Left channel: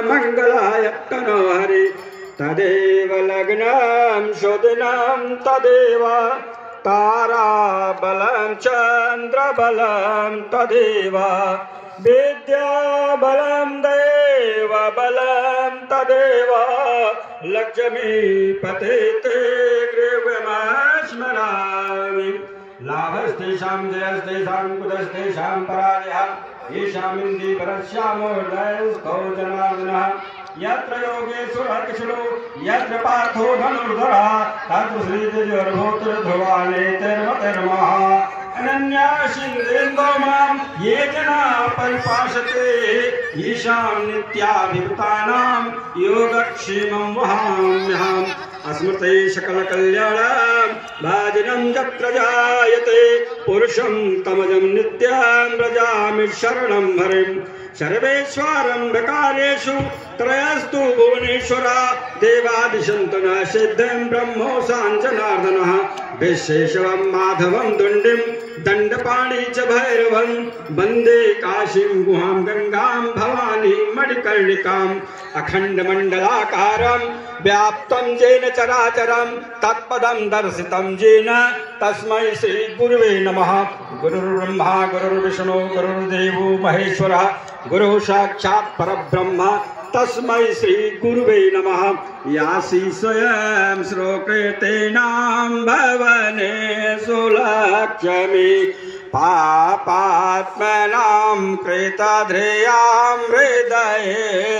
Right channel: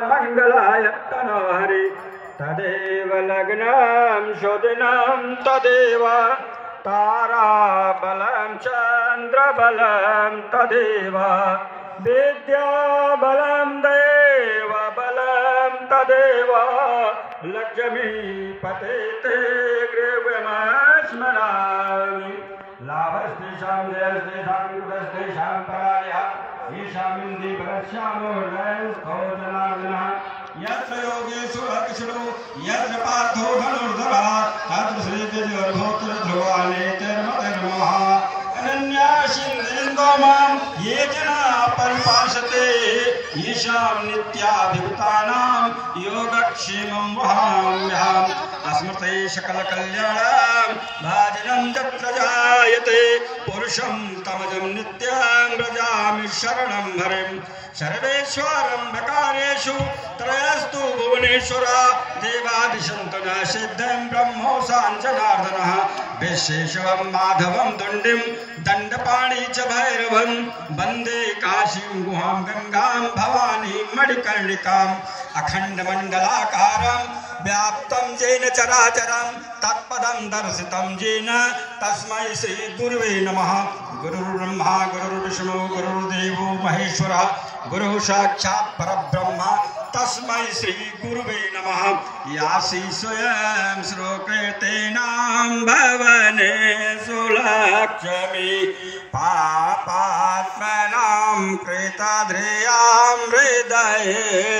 मंगलाय तनो हरि तदेव लग्नं शुदिनं तदेव ताराबलं चन्द्रबलं तदेव विद्याबलं देवबलं तदेव लक्ष्मीपते ते गृहमस्मरामि लाभस्तेषां जयस्तेषां कुतस्तेषां परायः ईशामिन्दी परश्यामो हृदयस्थो जनार्दनः यत्र योगेश्वरः कृष्णो यत्र पार्थो धनुर्धरः तत्र श्रीजयोर्भूतिर् ध्रुवानेतिर्मतिर्मः अनन्यासिन्देन्दो मां ये जनाः परिपासते ईशां नित्याभिभूतानां योगक्षेमं वहाम्यहम् अस्मृते सकलकल्याणं भाजनं यत्र जायते पुरुषं तमजं नित्यं व्रजामि शरणं हरिं सर्वेश्वरं बकालेषु त्रयस्तु भुवनेश्वरा देवादिशन्तनः सिद्धं ब्रह्मो साञ्जनार्दनः विशेषवं माधवं दुण्डिं दण्डपाणि च भैरवं वन्दे काशीं गुहां गंगां भवानीं मणिकर्णिकाम् अखण्डमण्डलाकारं व्याप्तं येन चराचरं तत्पदं दर्शितं येन तस्मै श्रीगुरुवे नमः। गुरुर्ब्रह्मा गुरुर्विष्णु गुरुर्देवो महेश्वरः गुरुः साक्षात् परब्रह्म तस्मै श्रीगुरुवे नमः। यासि स्वयं श्रोकृतेनां भवनेषु लक्ष्मी पापात्मनां कृतध्रियां हृदये